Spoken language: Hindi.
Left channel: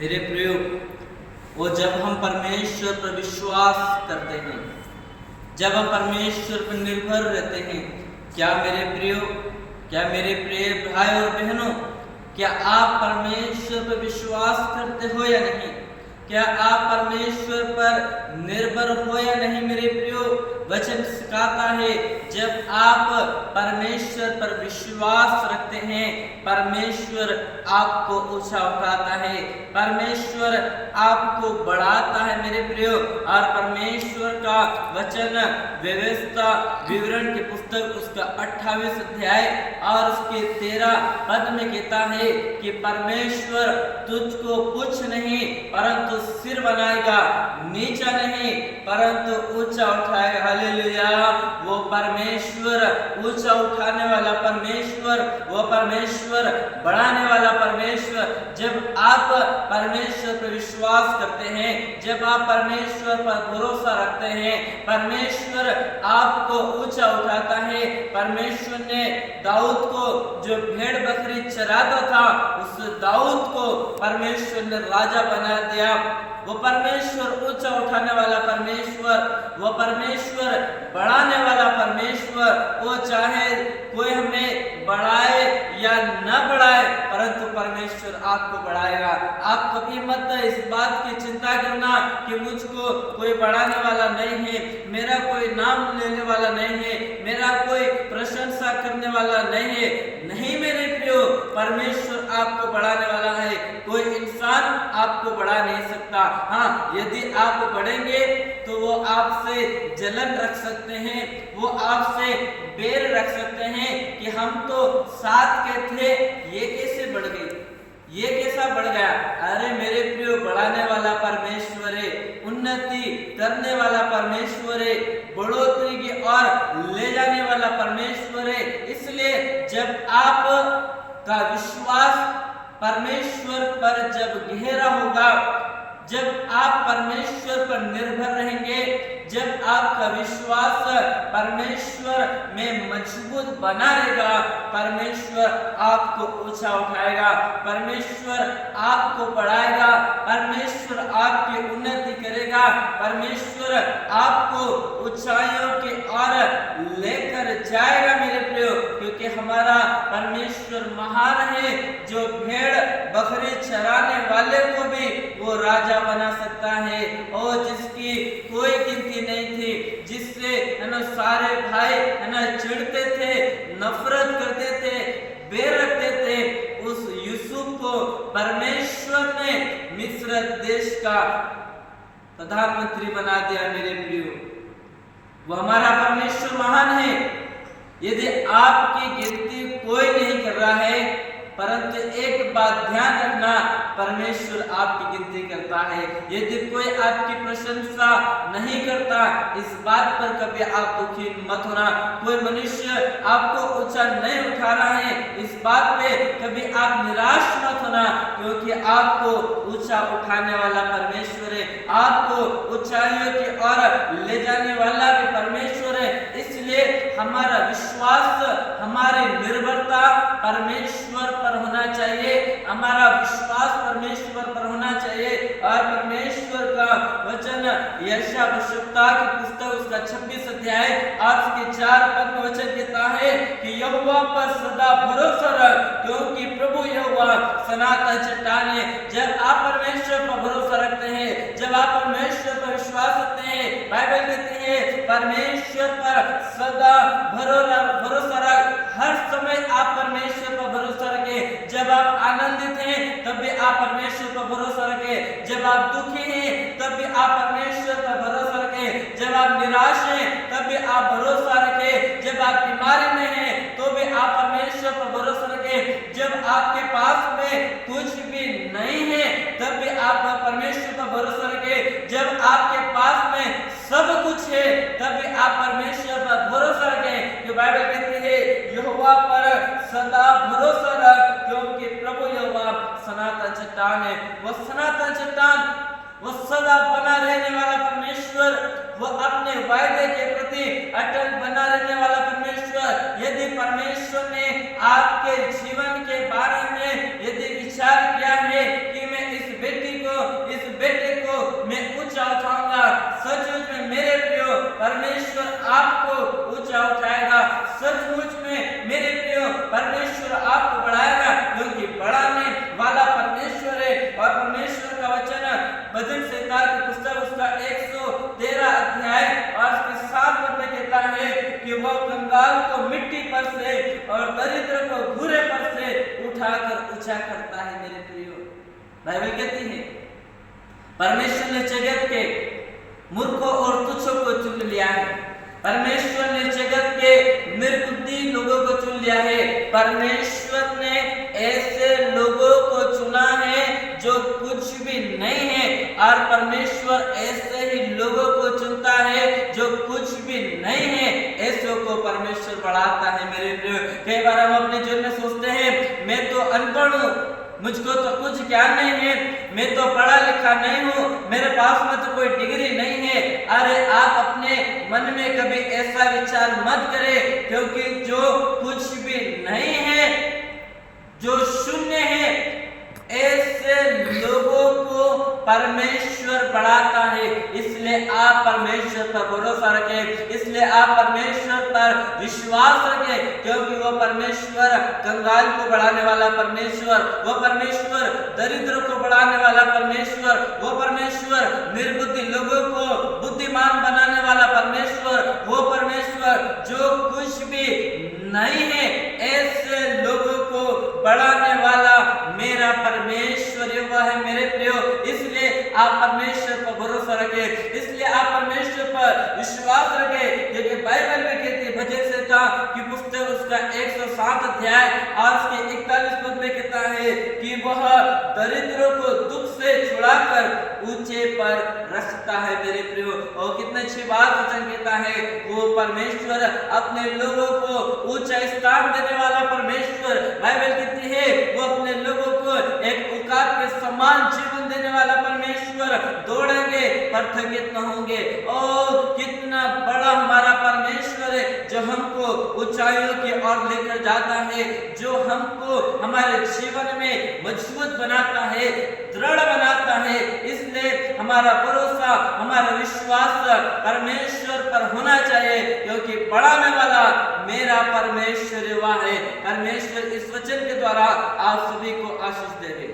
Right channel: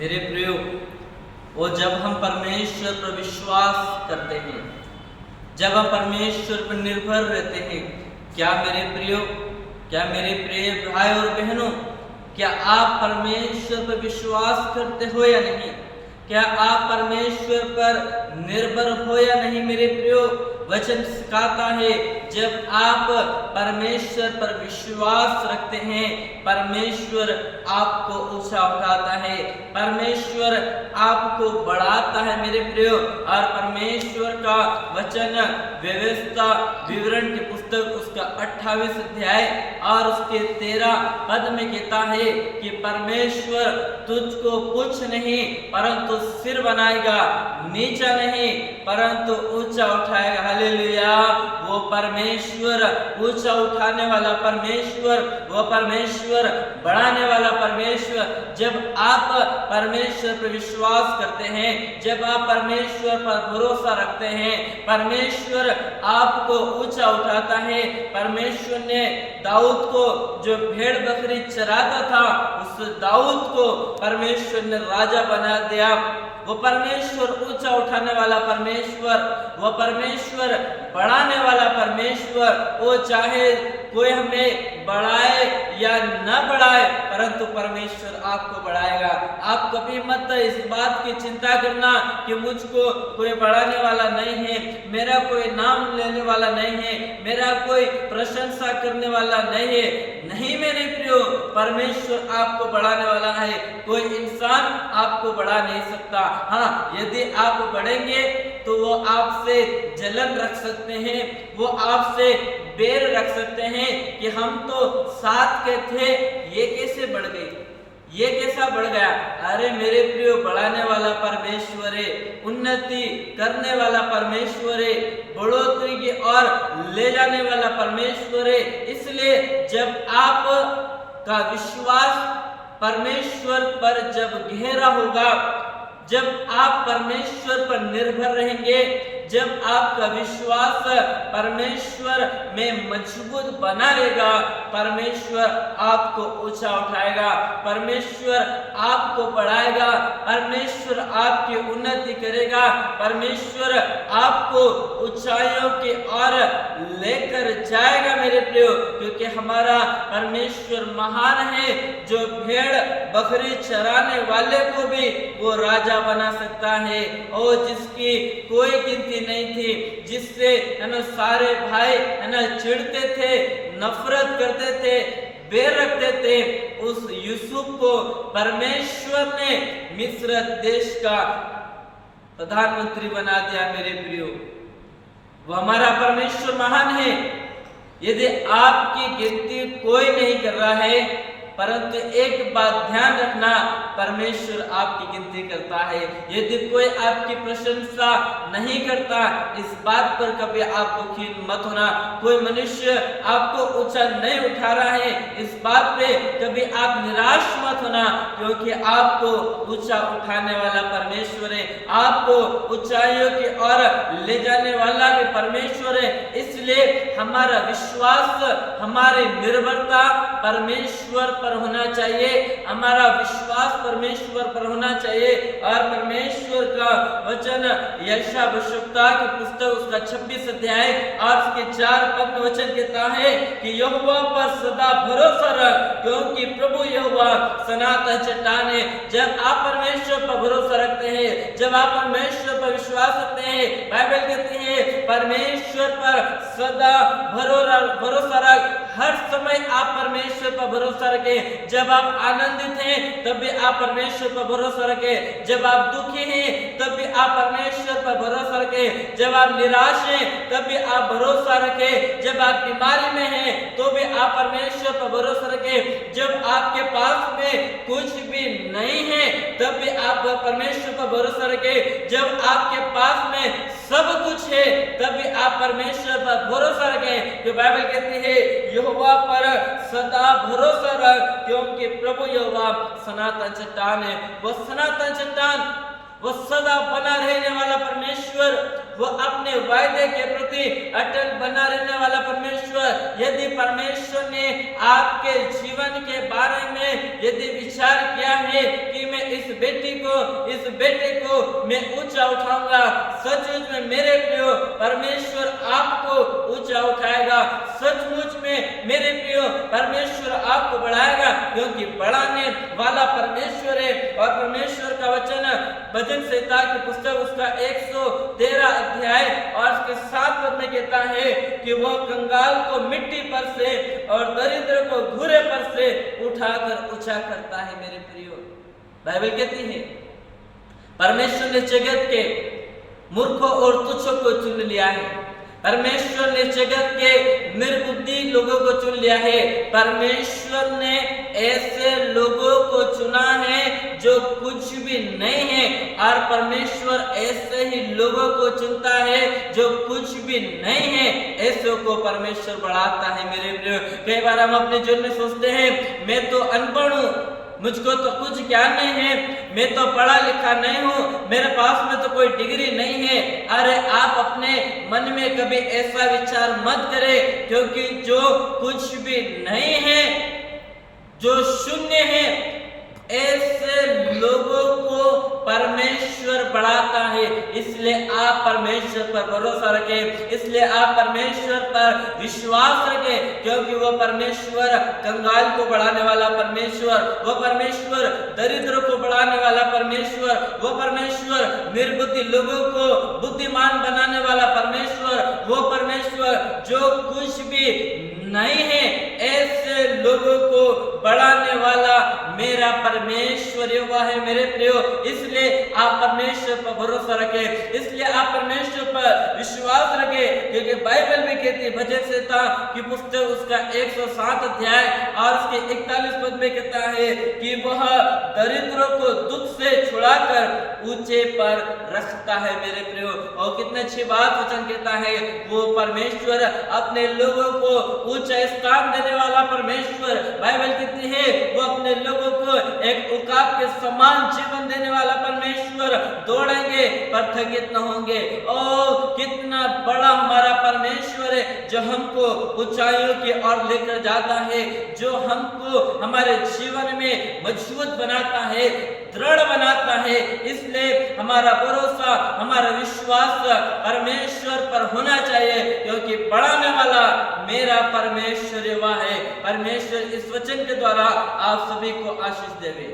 मेरे प्रियो, वो जब हम परमेश्वर पर विश्वास करते हैं, जब हम परमेश्वर पर निर्भर रहते हैं, क्या मेरे प्रियो, क्या मेरे प्रिय भाई और बहनों, क्या आप परमेश्वर पर विश्वास करते हो या नहीं? क्या आप परमेश्वर पर निर्भर हो या नहीं? मेरे प्रियो, वचन सिखाता है जब आप परमेश्वर पर विश्वास रखते हैं, परमेश्वर आपको ऊंचा उठाता है, परमेश्वर आपको बढ़ाता है मेरे प्रियो। और परमेश्वर का वचन व्यवस्था विवरण की पुस्तक उसका 28 अध्याय और उसके 13 पद में कहता है कि परमेश्वर तुझको कुछ नहीं परंतु सिर बनाएगा, नीचा नहीं परंतु ऊंचा उठाएगा। हालेलुया। वो परमेश्वर ऊंचा उठाने वाला परमेश्वर, वो परमेश्वर बढ़ाने वाला परमेश्वर। जब आप परमेश्वर पर विश्वास करते हैं, जब आप परमेश्वर पर भरोसा रखते हैं, परमेश्वर आपको ऊंचा उठाता है। परमेश्वर ने दाऊद को, जो भेड़ बकरी चराता था, उस दाऊद को परमेश्वर ने राजा बना दिया। वो परमेश्वर ऊंचा उठाने वाला परमेश्वर, वो परमेश्वर बढ़ाने वाला परमेश्वर। वो चाहे कोई हमें बढ़ाए या न बढ़ाए, परंतु परमेश्वर आपको बढ़ाएगा। आप कभी मत इस बात की चिंता करना कि मुझको कोई बढ़ाने वाला नहीं है, मेरा कोई नाम लेने वाला नहीं है, मेरा कोई प्रशंसा करने वाला नहीं है। नहीं मेरे प्रियो, परमेश्वर आपको बढ़ाने वाला है। कोई इंसान आपको बढ़ा नहीं सकता। हाँ, यदि आप बढ़ेंगे तो वो आपसे जलन रख सकते हैं, वो आपसे बैर रख सकते हैं कि हम तो साथ के थे, ये कैसे बढ़ गए, ये कैसा बढ़ गया। अरे मेरे प्रियो, बढ़ाने वाला परमेश्वर है, उन्नति करने वाला परमेश्वर है, बढ़ोतरी की ओर ले जाने वाला परमेश्वर है। इसलिए जब आप का विश्वास परमेश्वर पर जब गहरा होगा, जब आप परमेश्वर पर निर्भर रहेंगे, जब आपका विश्वास परमेश्वर में मजबूत बना रहेगा, परमेश्वर आपको ऊंचा उठाएगा, परमेश्वर आपको बढ़ाएगा, परमेश्वर आपकी उन्नति करेगा, परमेश्वर आपको ऊंचाइयों की ओर लेकर जाएगा मेरे प्रियो। क्योंकि हमारा परमेश्वर महान है, जो भेड़ बकरी चराने वाले को भी वो राजा बना सकता है, और जिसकी कोई गिनती नहीं थी, जिससे सारे भाई चिढ़ते थे, नफरत करते थे, बैर रखते थे, उस यूसुफ को परमेश्वर ने मिस्र देश का प्रधानमंत्री बना दिया मेरे प्रियो। वो हमारा परमेश्वर महान है। यदि आपकी गिनती कोई नहीं कर रहा है, परंतु एक बात ध्यान रखना, परमेश्वर आपकी गिनती करता है। यदि कोई आपकी प्रशंसा नहीं करता, इस बात पर कभी आप दुखी मत होना। कोई मनुष्य आपको ऊंचा नहीं उठा रहा है, इस बात पे कभी आप निराश मत होना, क्योंकि आपको ऊंचा उठाने वाला परमेश्वर है, आपको ऊंचाइयों की ओर ले जाने वाला भी परमेश्वर है। इसलिए हमारा विश्वास, हमारी निर्भरता परमेश्वर पर होना चाहिए, हमारा विश्वास परमेश्वर पर होना चाहिए। और परमेश्वर का वचन यशायाह भविष्यवक्ता की पुस्तक उसका 26 अध्याय और उसके 4 पद में वचन कहता है कि यहोवा पर सदा भरोसा रख, क्योंकि प्रभु यहोवा सनातन चट्टान है। जब आप परमेश्वर पर भरोसा रखते हैं, जब आप परमेश्वर पर विश्वास रखते हैं, बाइबल कहती है परमेश्वर पर सदा भरोसा रख। हर समय आप परमेश्वर पर भरोसा रखें। जब आप आनंदित हैं तब भी आप परमेश्वर पर भरोसा रखें, जब आप दुखी हैं तब भी आप परमेश्वर पर भरोसा रखें, जब आप निराश हैं तब भी आप भरोसा रखें, जब आप बीमारी में हैं तो भी आप परमेश्वर पर भरोसा रखें, जब आपके पास में कुछ भी नहीं है तब भी आप परमेश्वर पर भरोसा रखें, जब आपके पास में सब कुछ है तब भी आप परमेश्वर पर भरोसा रखें। कि बाइबल कहती है यहोवा पर सदा भरोसा रख, क्योंकि प्रभु यहोवा सनातन चट्टान है। वह सनातन चट्टान, वह सदा बना रहने वाला परमेश्वर, वह अपने वायदे के प्रति अटल बना रहने वाला परमेश्वर। यदि परमेश्वर ने आपके जीवन के बारे में यदि विचार किया है कि मैं इस बेटी बेटे को मैं ऊंचा उठाऊंगा। सचमुच में मेरे प्रियो परमेश्वर आपको ऊंचा उठाएगा। सचमुच में मेरे प्रियो परमेश्वर आपको बढ़ाएगा, क्योंकि बढ़ाने वाला परमेश्वर है। और परमेश्वर का वचन भजन संहिता की पुस्तक उसका 113 अध्याय और उसके 7 पद में कहता है कि वह कंगाल को मिट्टी पर से और दरिद्र को घूरे पर से उठाकर ऊंचा करता है। मेरे प्रियो, बाइबल कहती है परमेश्वर ने जगत के मूर्खों और तुच्छों को चुन लिया है। परमेश्वर ने जगत के निर्बुद्धि लोगों को चुन लिया है। परमेश्वर ने ऐसे लोगों को चुना है जो कुछ भी नहीं है, और परमेश्वर ऐसे ही लोगों को चुनता है जो कुछ भी नहीं है। ऐसे को परमेश्वर बढ़ाता है। मेरे प्रियो, कई बार हम अपने जीवन में सोचते हैं मैं तो अनपढ़ हूँ, मुझको तो कुछ ज्ञान नहीं है, मैं तो पढ़ा लिखा नहीं हूँ, मेरे पास में तो कोई डिग्री नहीं है। अरे आप अपने मन में कभी ऐसा विचार मत करें, क्योंकि जो कुछ भी नहीं है, जो शून्य है, ऐसे लोगों को परमेश्वर बढ़ाता है। इसलिए आप परमेश्वर पर भरोसा रखें, इसलिए आप परमेश्वर पर विश्वास रखें, क्योंकि वो परमेश्वर कंगाल को बढ़ाने वाला परमेश्वर, वो परमेश्वर दरिद्र को बढ़ाने वाला परमेश्वर, वो परमेश्वर निर्बुद्धि लोगों को बुद्धिमान बनाने वाला परमेश्वर, वो परमेश्वर जो कुछ भी नहीं है, ऐसे लोगों को बढ़ाने वाला मेरा परमेश्वर यहोवा है। मेरे प्रियो, इसलिए आप परमेश्वर पर भरोसा रखें, इसलिए आप परमेश्वर पर विश्वास रखें, क्योंकि बाइबल में कहती है भजन संहिता की पुस्तक उसका 107 अध्याय और उसके 41 पद में कहता है कि वह दरिद्रों को दुख से छुड़ाकर ऊंचे पर रखता है। मेरे प्रियो, और कितनी अच्छी बात वचन कहता है, वो परमेश्वर अपने लोगों को ऊंचा स्थान देने वाला परमेश्वर। बाइबल कहती है वो अपने लोगों को एक उकाब के समान जीवन देने वाला परमेश्वर। दौड़ेंगे पर थकित न होंगे। ओ कितना बड़ा हमारा परमेश्वर है, जो हमको ऊंचाइयों की ओर लेकर जाता है, जो हमको हमारे जीवन में मजबूत बनाता है, दृढ़ बनाता है। इसलिए हमारा भरोसा, हमारा विश्वास परमेश्वर पर होना चाहिए, क्योंकि बढ़ाने वाला मेरा परमेश्वर यहोवा है। परमेश्वर इस वचन के द्वारा आप सभी को आशीष देवे।